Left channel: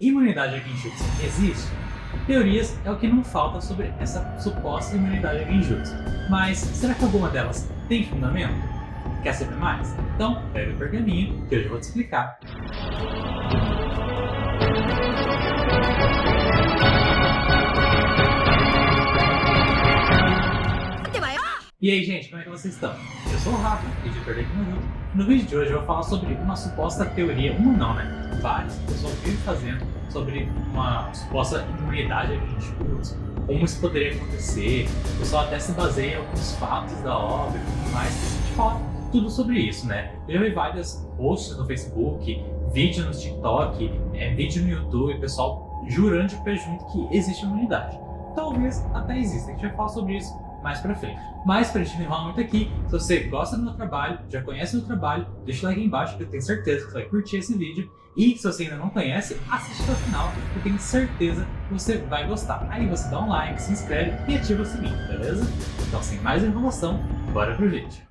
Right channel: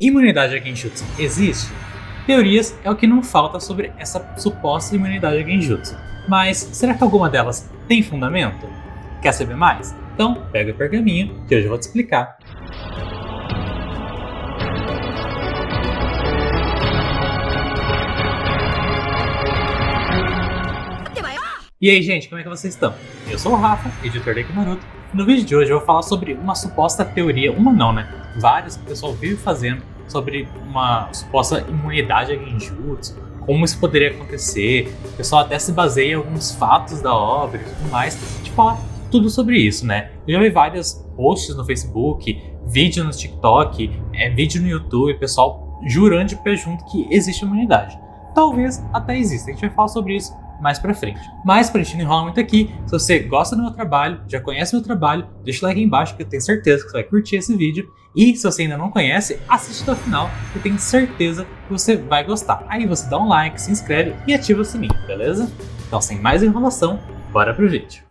Imunidade a Genjutsu existe? Teorias é o que não falta sobre essa suposta imunidade a Genjutsu. Mas será que alguma delas tem fundamento? Quer saber mais? Então pega o pergaminho que hoje eu vou te explicar. E aí, gente, como é que vocês estão? Eu sou o Rafa, editor da Naruto. No vídeo de hoje eu vou falar sobre uma suposta teoria, uma não, né? Várias que o pessoal vive fazendo sobre uma suposta imunidade a Genjutsu, como isso poderia acontecer. O pessoal até se baseia em alguns fatos da obra e tudo mais. A gente fala tudo sobre isso, né? Eu já vi vários posts no Facebook, vídeo no TikTok, vídeo no YouTube, pessoal jurando de pé junto que existe imunidade. Talvez até exista, a gente vai falar sobre isso mais pra frente. Mas pra gente não enrolar muito aqui, se você gosta do meu trabalho, já conhece meu trabalho, deixa o like aí embaixo que eu tenho certeza que você vai curtir esse vídeo. E se você ainda não conhece, assiste até o final, que eu tenho certeza que você vai gostar. Aí você dá um like, se inscreve e ativa o sininho, beleza? Então sem mais enrolação, bora pro vídeo.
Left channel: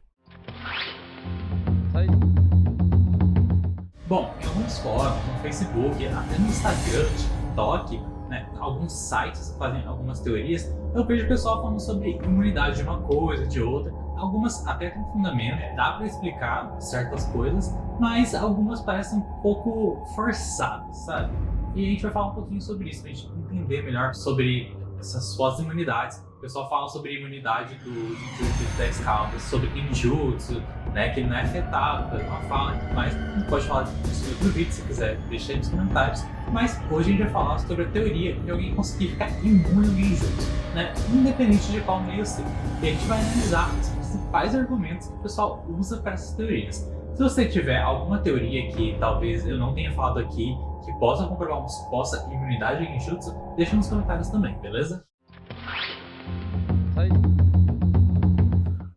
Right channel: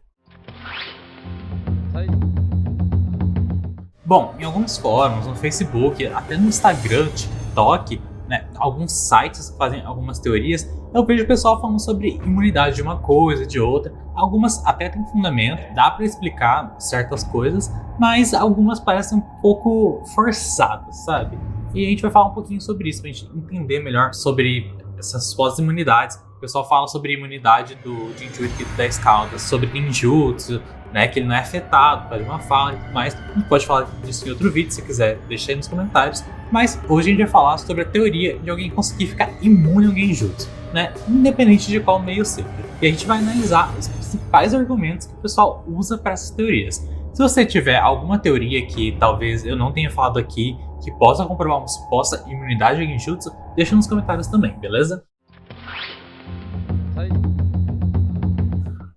Bom, em alguns fóruns, no Facebook, até no Instagram, TikTok, né, alguns sites fazem algumas teorias. Eu vejo o pessoal falando sobre imunidade de uma coisa, de outra. Algumas até têm fundamento, dá pra explicar certas coisas, mas algumas parecem um pouco forçadas, sabe? E a gente vai falar um pouquinho sobre isso, pra gente entender melhor sobre essas supostas imunidades. O pessoal fala sobre a imunidade do Jinchuriki da Escalda, sobre Genjutsu, né, que ele não é afetado, faz uma fala e tudo mais. A gente pode falar disso em outro vídeo, se quiser, deixa aí nos comentários. Mas hoje a gente vai falar sobre a teoria de alguém conseguir ficar imune ao Genjutsu, né, independente de qual meio ser. E a gente vai analisar os principais argumentos que o pessoal usa para essas teorias. Se você tiver alguma teoria que talvez eu não tenha falado aqui, que possa comprovar uma suposta imunidade ao Genjutsu, deixa nos comentários também, beleza?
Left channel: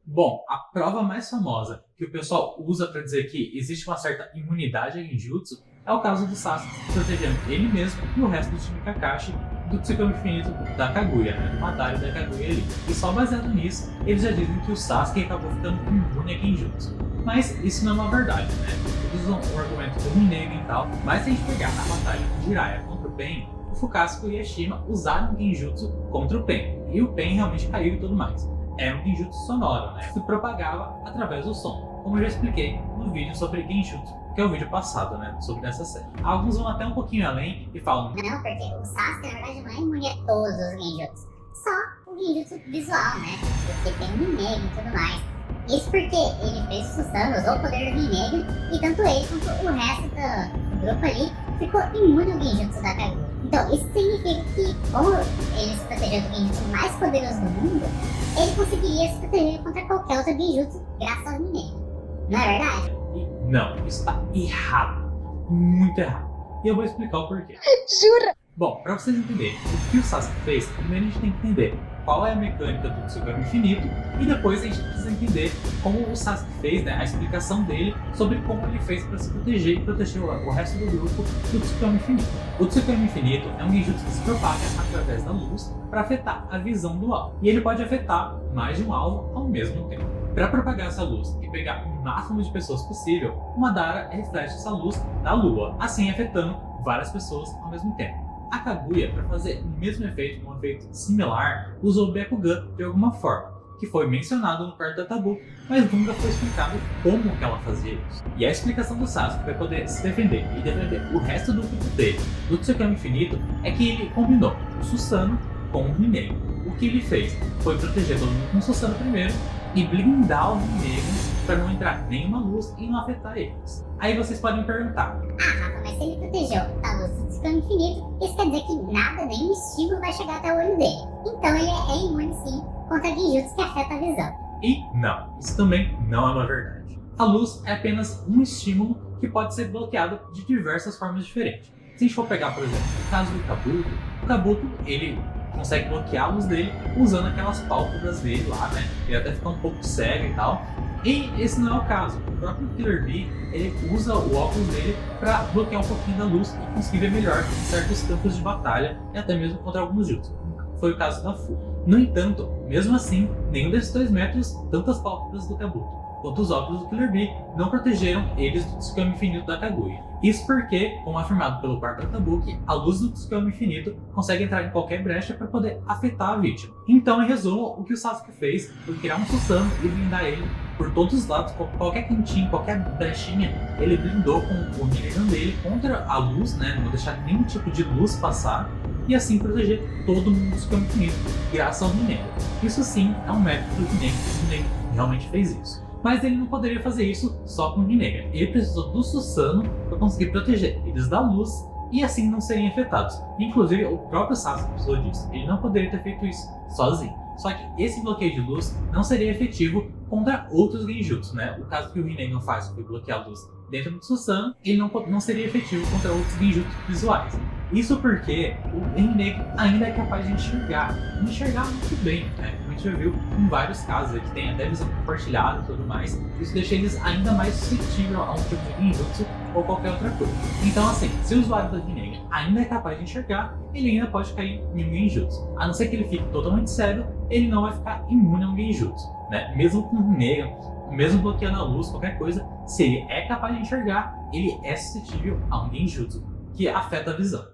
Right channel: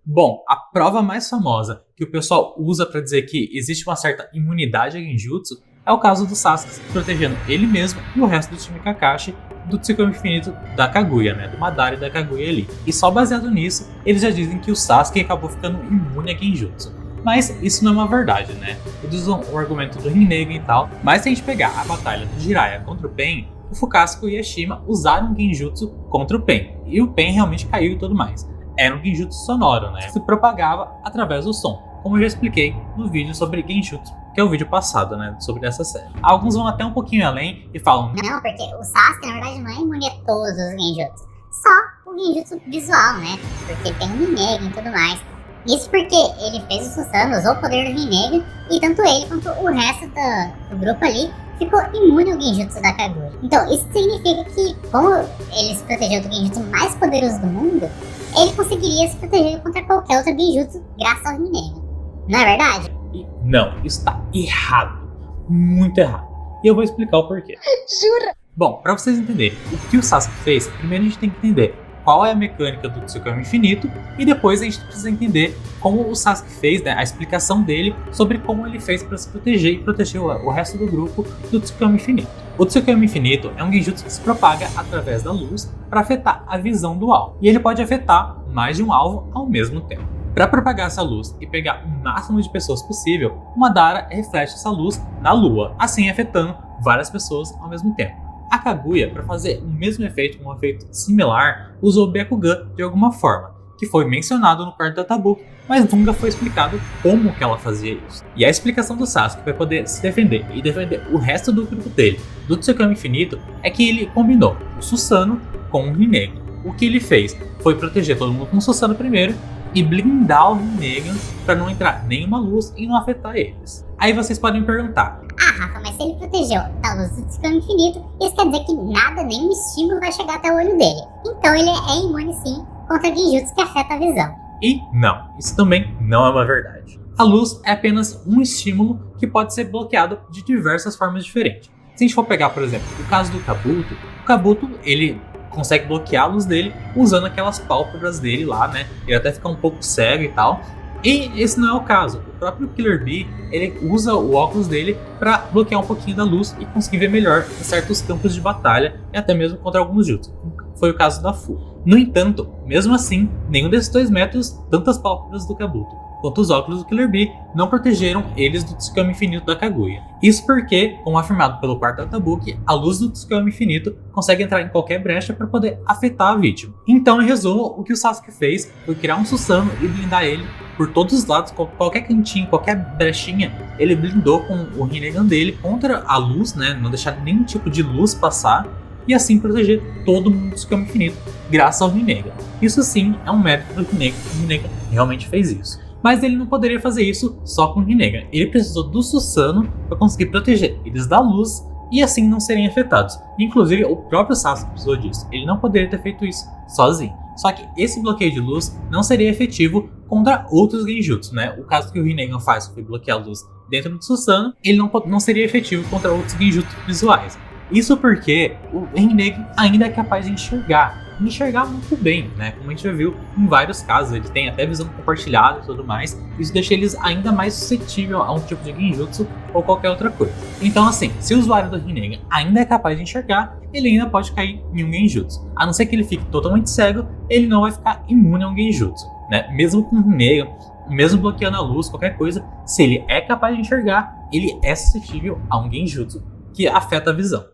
Bom, a prova mais famosa que o pessoal usa para dizer que existe uma certa imunidade a Genjutsu é o caso do Sasuke protegendo ele mesmo e o resto do time Kakashi do Tsukuyomi Infinito da Kaguya, né, do Madara e da Kaguya ali. E só baseado nisso, eles já dizem que o Sasuke acabou ficando imune a Genjutsu. Mas isso não é uma verdade, né? Eles usam o argumento do Rinnegan e tal, mas se a gente pegar a batalha do Jiraiya contra o Pain, o Fukakushiko e a Shima usaram Genjutsu contra o Pain, e o Pain realmente caiu e tudo mais. Era um Genjutsu sonoro, né? Se propagava através do som, como eu já expliquei no vídeo sobre Genjutsu, que é o vídeo passado, né? Sobre essa série. Alguns vão até um pouquinho além e falam: não, porque o Sasuke, na verdade, não é imune a todos os Genjutsu. Só o Genjutsu visual, né? Porque tem o Rinnegan e tudo mais. Isso porque ele fez o Susanoo, usou o poder do Rinnegan, e tanto ele quanto o resto do grupo ali ficou imune ao Genjutsu da Kaguya. Então, isso significa que, como ele se protegeu do Genjutsu mais poderoso do mundo, ele conseguiria se proteger contra qualquer outro Genjutsu graças ao Rinnegan. Não é verdade? Não, isso está errado. Muito errado. E eu vou explicar o porquê. Jura? Bom, pra vocês entenderem o que o Sasuke fez, primeiro a gente tem que entender qual é a mecânica do Tsukuyomi Infinito e depois a gente precisa entender como o Sasuke fez, né, a explicação dele sobre como ele fez para se proteger e proteger o resto do grupo do Tsukuyomi Infinito. O Tsukuyomi Infinito é um Genjutsu que se propaga através da luz para afetar a visão do alvo, e ele pode afetar mais de um alvo ao mesmo tempo. Para propagar essa luz e pegar o máximo de pessoas possível, o Madara reflete essa luz na lua, assim afetando várias pessoas ao mesmo tempo. A Kaguya, para fazer o mesmo efeito, um efeito similar, usou o Byakugan de alguma forma, que foi mencionado no quarto Tatabuki, mas nunca foi explicado como que ela fazia isso. E a explicação do Sasuke para poder se defender e defender o resto do grupo dele, do Tsukuyomi Infinito, é que ele combinou o Susanoo com o Rinnegan. O que ele fez foi proteger todo mundo com o Susanoo primeiro e blindar o Rinnegan para não entrar nenhuma luz e não afetar eles. Aí vocês podem me perguntar: ah, Rafa, mas se ele protegeu da luz do Tsukuyomi Infinito, isso quer dizer que nada, nenhum estímulo vai chegar até o olho dele. Então ele é imune sim contra Genjutsu que afeta a visão. E não, isso também não é uma verdade. A luz é apenas um estímulo que pode ser bloqueado de diversas formas diferentes. Se a gente for pegar, por exemplo, o caso do Kabuto, o Kabuto, ele consegue bloquear a luz dele usando aquelas pálpebras dele lá, né? Ele até fica um pouco cego e tal. E esse não é o caso. O próprio Killer Bee, ele usa o óculos dele para bloquear um pouquinho da luz e conseguir ver melhor em certos campos de batalha e até mesmo contra alguns jutsu. Foi o caso da Fu. No entanto, mesmo assim, nenhum desses dois métodos tantas pálpebras do Kabuto. quanto os óculos do Killer Bee não protegeram eles do Tsukuyomi infinito da Kaguya. Isso porque, como afirmado pelo quarto Atabuki, a luz do Tsukuyomi infinito consegue entrar em qualquer brecha para poder afetar a vítima. Então, em resumo, o que o Sasuke fez foi criar um Susanoo e blindar ele por todos os lados, qualquer cantinho, qualquer brechinha, ele blindou com o Rinnegan dele contra a luz, né? Não deixar nenhum tipo de luz passar e assim proteger todo mundo do Tsukuyomi infinito, graças ao Rinnegan. Isso sim é um mérito do Rinnegan, o Rinnegan realmente fez isso. Mas ele não poderia fazer isso só com o Rinnegan. Ele precisou do Susanoo para conseguir proteger eles da luz e assim não serem afetados. Inclusive, o próprio Sasuke precisou disso. Ele não poderia ter feito isso sozinho. Só que esse bloqueio de luz não seria efetivo contra outros genjutsu, né? O caso que o Rinnegan faz foi bloquear a luz dentro do Susanoo, ele não seria efetivo contra outros genjutsu visuais. Isso porque o Rinnegan ainda é capaz de enxergar muito bem, né? Como a gente já viu em vários casos, ele tem até visão compartilhada e tudo mais. Isso deixa eles ainda mais suscetíveis a um tipo de genjutsu ou qualquer outra coisa. Então assim, se o usuário do Rinnegan ainda é capaz de enxergar, ele ainda pode cair em um genjutsu. A não ser que ele fique totalmente cego, ele não vai ficar imune a um genjutsu, né? Mesmo com o Rinnegan, mesmo bloqueando a luz, qualquer coisa, se ele é capaz de enxergar, ele é suscetível a um genjutsu que afeta a visão.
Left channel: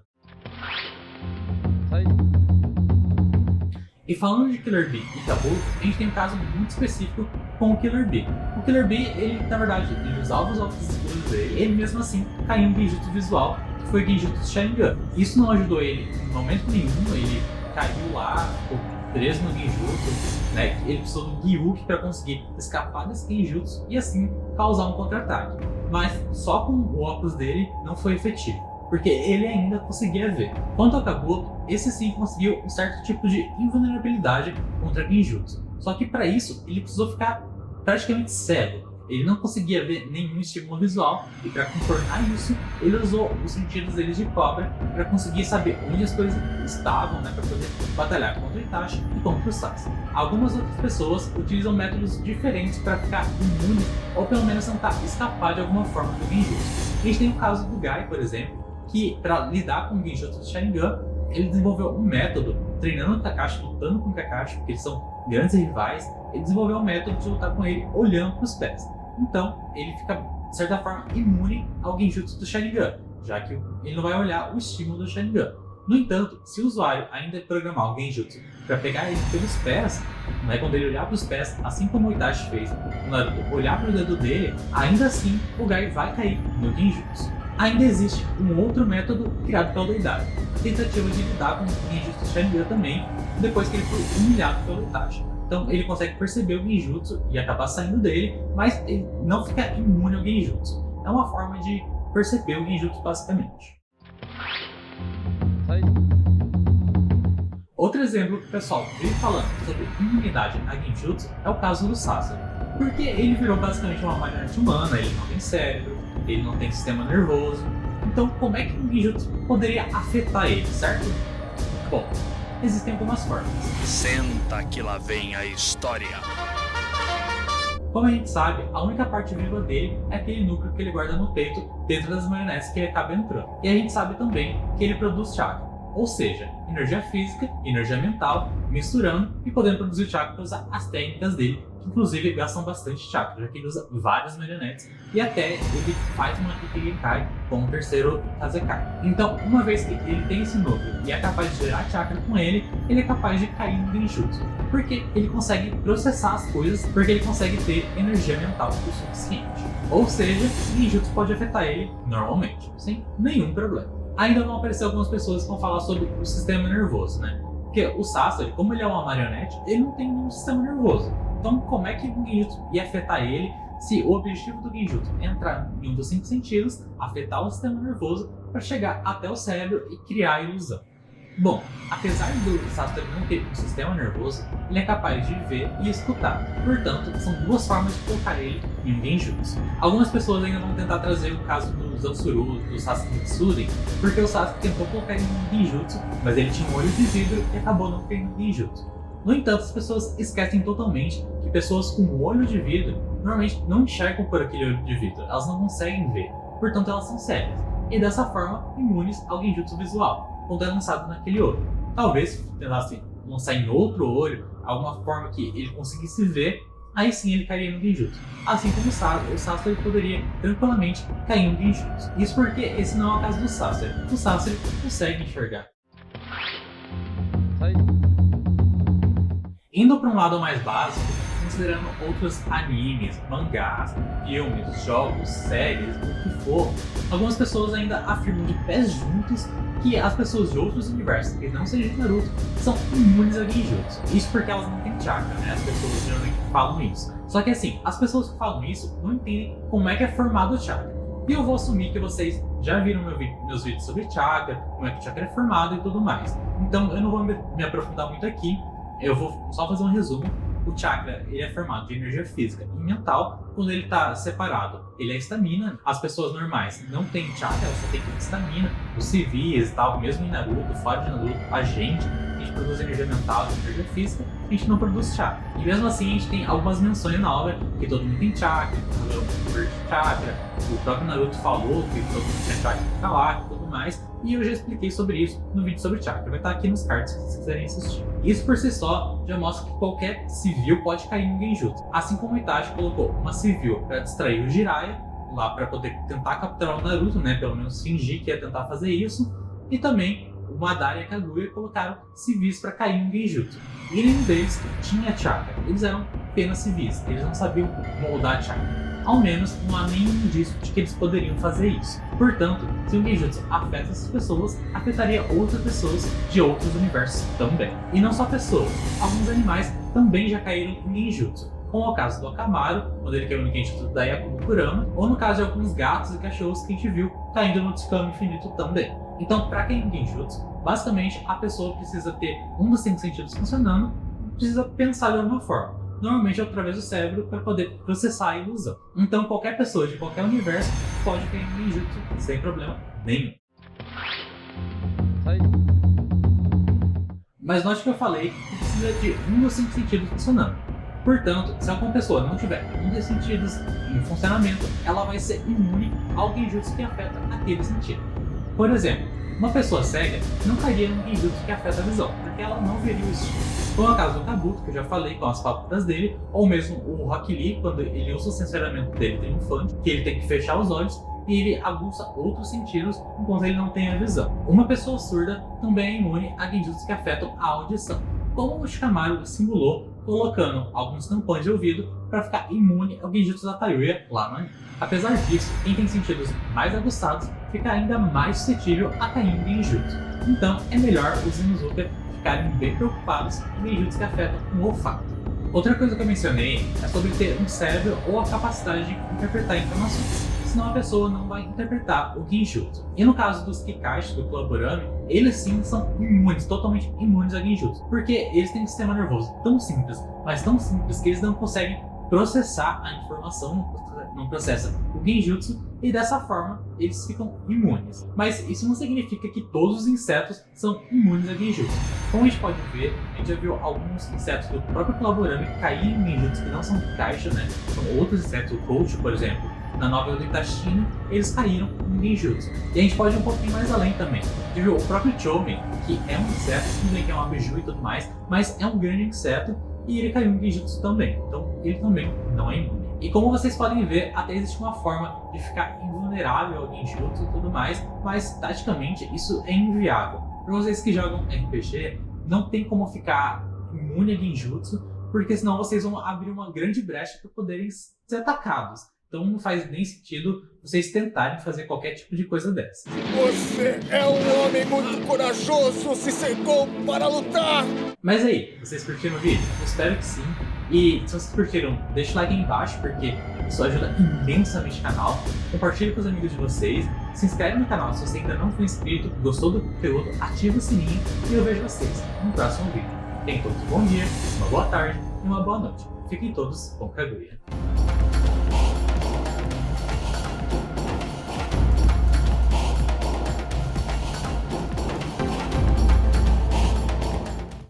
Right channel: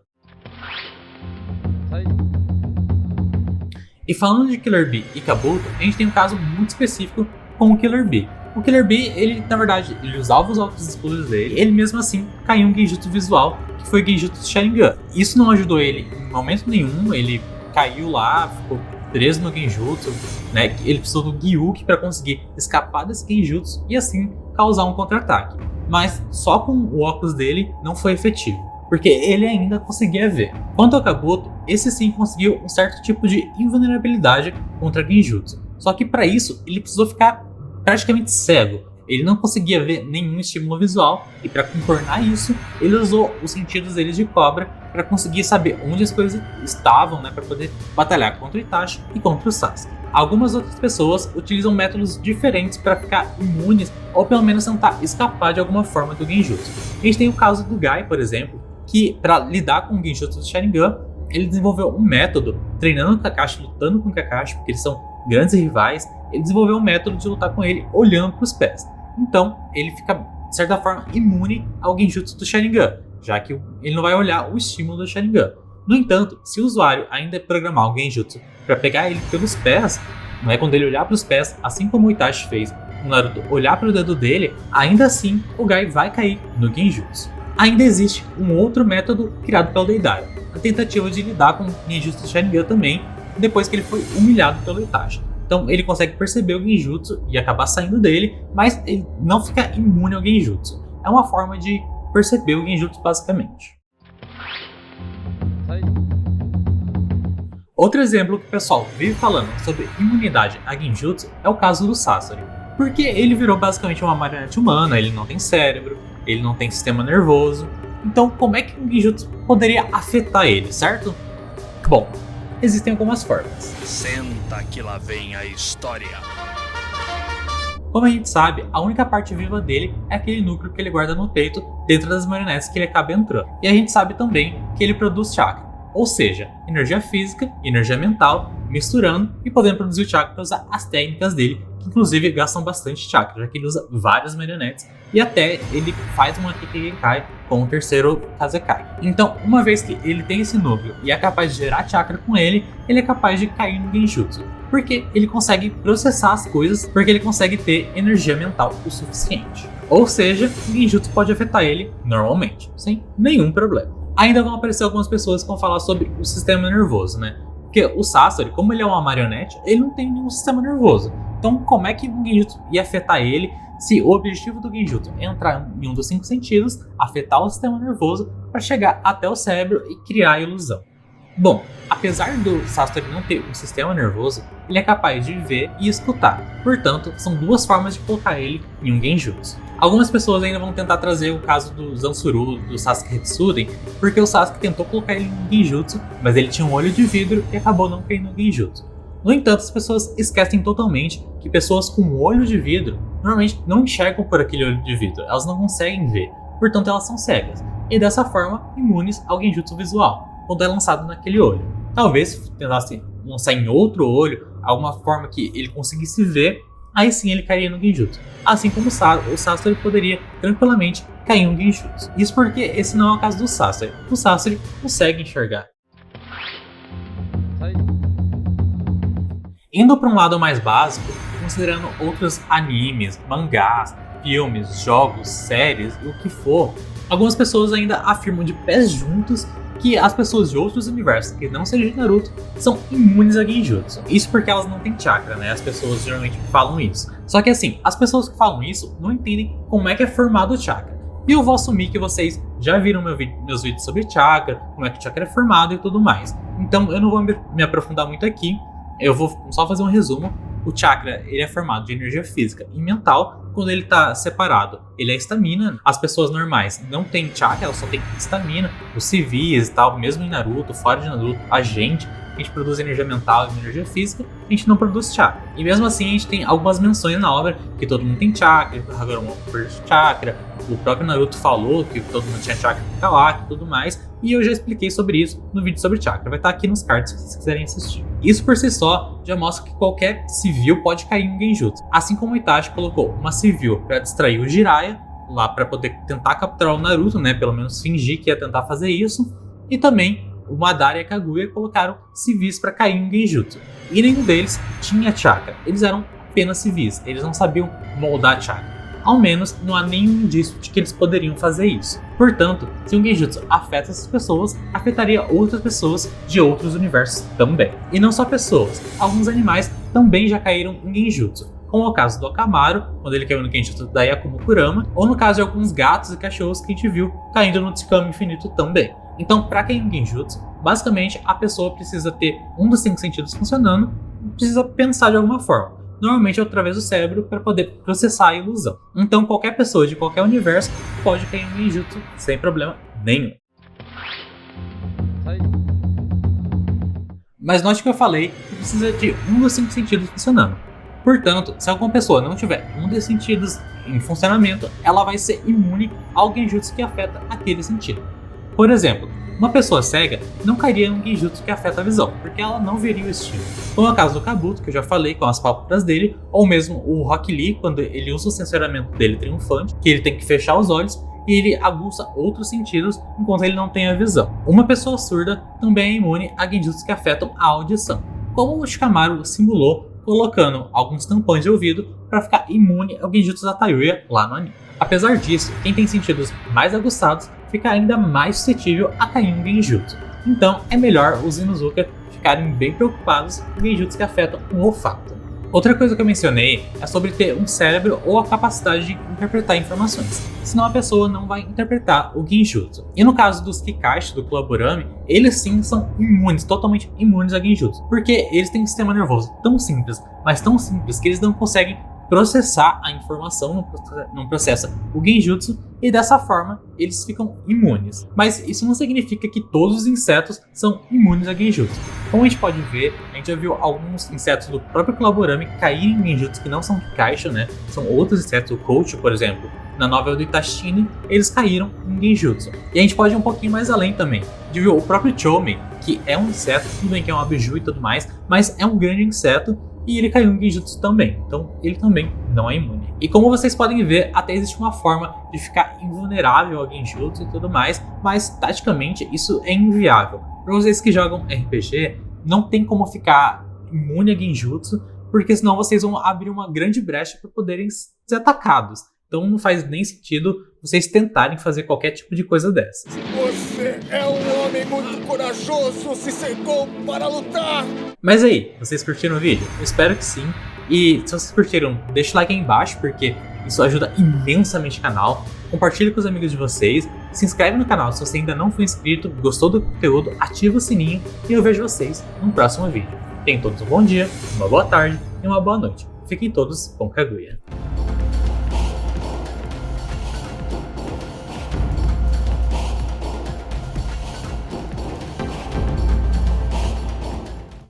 E falando de Killer Bee e Kabuto, a gente tem um caso muito específico com o Killer Bee. O Killer Bee, ele na verdade, ele usava os óculos escuros dele, ele mesmo assim caiu em um genjutsu visual, que foi o genjutsu Sharingan. Isso não ajudou ele em momento nenhum, ele caiu lá, ficou preso no genjutsu, né? Ele precisou do Gyuki para conseguir escapar desse genjutsu e assim causar um contra-ataque. Mas só com o óculos dele não foi efetivo, porque ele ainda conseguia ver. Quanto ao Kabuto, esse sim conseguiu um certo tipo de invulnerabilidade contra genjutsu. Só que para isso, ele precisou ficar praticamente cego. Ele não conseguia ver nenhum estímulo visual e para contornar isso, ele usou os sentidos dele de cobra para conseguir saber onde as coisas estavam, né, para poder batalhar contra o Itachi e contra o Sasuke. Algumas outras pessoas utilizam métodos diferentes para ficar imunes ou pelo menos tentar escapar de alguma forma do genjutsu. A gente tem o caso do Gai, por exemplo, que para lidar com o genjutsu do Sharingan, ele desenvolveu um método, treinando o Kakashi, lutando com o Kakashi, porque eles são grandes rivais, ele desenvolveu um método de lutar com ele olhando para os pés. Então, ele fica, de certa forma, imune ao genjutsu do Sharingan, já que ele não vai olhar o estímulo do Sharingan. No entanto, se o usuário ainda programar o genjutsu para pegar ele pelos pés, não é quando ele olhar para os pés, assim como o Itachi fez, o Naruto olhar para o dedo dele, ainda assim o Gai vai cair no genjutsu. Ainda existe um outro método criado pelo Deidara, a tentativa de lidar com o genjutsu do Sharingan também, depois que ele foi humilhado pelo Itachi. Então ele consegue perceber o genjutsu e acabar saindo dele, mas ele não fica imune ao genjutsu. É uma forma de perceber o genjutsu basicamente. Outro exemplo que o pessoal vive falando sobre imunidade a genjutsu é o caso do Sasori, porque ele virou basicamente uma marionete humana, ele não tem cérebro, ele não tem sistema nervoso, então como é que o genjutsu poderia afetar ele, certo? Bom, existem algumas formas. Senta que lá vem a história. Como a gente sabe, a única parte viva dele é aquele núcleo que ele guarda no peito dentro das marionetes que ele acaba entrando. E a gente sabe também que ele produz chakra, ou seja, energia física e energia mental misturando e podendo produzir o chakra para usar as técnicas dele, que inclusive gastam bastante chakra, já que ele usa várias marionetes e até ele faz uma Kikeikai com o terceiro Kazekai. Então, uma vez que ele tem esse núcleo e é capaz de gerar chakra com ele, ele é capaz de cair no genjutsu, porque ele consegue processar as coisas, porque ele consegue ter energia mental o suficiente. Ou seja, o genjutsu pode afetar ele normalmente, sem nenhum problema. Ainda vão aparecer algumas pessoas que vão falar sobre o sistema nervoso, né? Porque o Sasori, como ele é uma marionete, ele não tem nenhum sistema nervoso. Então, como é que o genjutsu ia afetar ele se o objetivo do genjutsu é entrar em um dos 5 sentidos, afetar o sistema nervoso para chegar até o cérebro e criar a ilusão? Bom, apesar do Sasori não ter um sistema nervoso, ele é capaz de ver e escutar. Portanto, são duas formas de colocar ele em um genjutsu. Algumas pessoas ainda vão tentar trazer o caso do Zansuru, do Sasuke Hitsuden, porque o Sasuke tentou colocar ele em genjutsu, mas ele tinha um olho de vidro e acabou não caindo no genjutsu. No entanto, as pessoas esquecem totalmente que pessoas com olho de vidro normalmente não enxergam por aquele olho de vidro, elas não conseguem ver, portanto elas são cegas, e dessa forma imunes ao genjutsu visual, quando é lançado naquele olho. Talvez tentasse lançar em outro olho, alguma forma que ele conseguisse ver aí sim ele cairia no Genjutsu. Assim como o Sasori poderia tranquilamente cair no Genjutsu. Isso porque esse não é o caso do Sasori. O Sasori consegue enxergar. Indo para um lado mais básico, considerando outros animes, mangás, filmes, jogos, séries, o que for, algumas pessoas ainda afirmam de pés juntos que as pessoas de outros universos, que não sejam de Naruto, são imunes a Genjutsu. Isso porque elas não têm chakra, né? As pessoas geralmente falam isso. Só que assim, as pessoas que falam isso não entendem como é que é formado o chakra. E eu vou assumir que vocês já viram meus vídeos sobre chakra, como é que o chakra é formado e tudo mais. Então eu não vou me aprofundar muito aqui, eu vou só fazer um resumo. O chakra ele é formado de energia física e mental. Quando ele está separado, ele é estamina. As pessoas normais não têm chakra, elas só têm estamina. Os civis e tal, mesmo em Naruto, fora de Naruto, a gente produz energia mental e energia física, a gente não produz chakra. E mesmo assim a gente tem algumas menções na obra que todo mundo tem chakra, que o Hagoromo perde chakra, o próprio Naruto falou que todo mundo tinha chakra no Kawaki e tudo mais, e eu já expliquei sobre isso no vídeo sobre chakra, vai estar aqui nos cards se vocês quiserem assistir. Isso por si só já mostra que qualquer civil pode cair em Genjutsu, assim como o Itachi colocou uma civil para distrair o Jiraiya, lá para poder tentar capturar o Naruto, né, pelo menos fingir que ia tentar fazer isso, e também o Madara e a Kaguya colocaram civis para cair em Genjutsu. E nenhum deles tinha chakra. Eles eram apenas civis. Eles não sabiam moldar chakra. Ao menos não há nenhum indício de que eles poderiam fazer isso. Portanto, se um Genjutsu afeta essas pessoas, afetaria outras pessoas de outros universos também. E não só pessoas. Alguns animais também já caíram em Genjutsu. Como é o caso do Akamaru, quando ele caiu no Genjutsu da Yakumo Kurama, ou no caso de alguns gatos e cachorros que a gente viu caindo no Tsukami Infinito também. Então, para cair em Genjutsu, basicamente a pessoa precisa ter um dos 5 sentidos funcionando e precisa pensar de alguma forma. Normalmente através do cérebro para poder processar a ilusão. Então, qualquer pessoa de qualquer universo pode cair em Genjutsu sem problema nenhum. Mas note que eu falei que precisa de um dos 5 sentidos funcionando. Portanto, se alguma pessoa não tiver um desses sentidos em funcionamento, ela vai ser imune ao Genjutsu que afeta aquele sentido. Por exemplo, uma pessoa cega não cairia no Genjutsu que afeta a visão, porque ela não veria o estilo. Como é o caso do Kabuto, que eu já falei com as pálpebras dele, ou mesmo o Rock Lee, quando ele usa o sensoramento dele triunfante, que ele tem que fechar os olhos e ele aguça outros sentidos enquanto ele não tem a visão. Uma pessoa surda também é imune a Genjutsu que afetam a audição, como o Shikamaru simulou colocando alguns tampões de ouvido para ficar imune ao Genjutsu da Tayuya lá no anime. Apesar disso, quem tem sentidos mais aguçados fica ainda mais suscetível a cair em Genjutsu. Então é melhor os Inuzuka ficarem bem preocupados com Genjutsu que afetam o olfato. Outra coisa que eu mencionei é sobre ter um cérebro ou a capacidade de interpretar informações, senão a pessoa não vai interpretar o Genjutsu. E no caso dos Kakashi do Kulaburami, eles sim são imunes, totalmente imunes a Genjutsu, porque eles têm um sistema nervoso tão simples, mas tão simples que eles não conseguem processar a informação, não processa o Genjutsu, e dessa forma eles ficam imunes. Mas isso não significa que todos os insetos são imunes a Genjutsu. Como a gente pode ver, a gente já viu alguns insetos do próprio Kulaburami caírem em Genjutsu que não são Kakashi, né? São outros insetos, o Coach, por exemplo. Na novela do Itachi, eles caíram em Genjutsu. E a gente pode ir um pouquinho mais além também. A gente viu o próprio Chomen, que é um inseto, tudo bem que é um abiju e tudo mais, mas é um grande inseto, e ele caiu em Genjutsu também, então ele também não é imune. E como vocês podem ver, até existe uma forma de ficar invulnerável ao Genjutsu e tudo mais, mas taticamente isso é inviável. Para vocês que jogam RPG, não tem como ficar imune a Genjutsu, porque senão vocês vão abrir uma grande brecha para poderem ser atacados. Então não faz nem sentido vocês tentarem fazer qualquer tipo de coisa dessa. Você é um homem muito corajoso, se cercou para lutar! Mas aí, vocês curtiram o vídeo? Eu espero que sim. E se vocês curtiram, deixa o like aí embaixo, porque isso ajuda imensamente o canal. Compartilhe com os amigos de vocês. Se inscreve no canal se você ainda não for inscrito, gostou do conteúdo, ativa o sininho e eu vejo vocês no próximo vídeo. Tenham todos um bom dia, uma boa tarde e uma boa noite. Fiquem todos com Kaguya.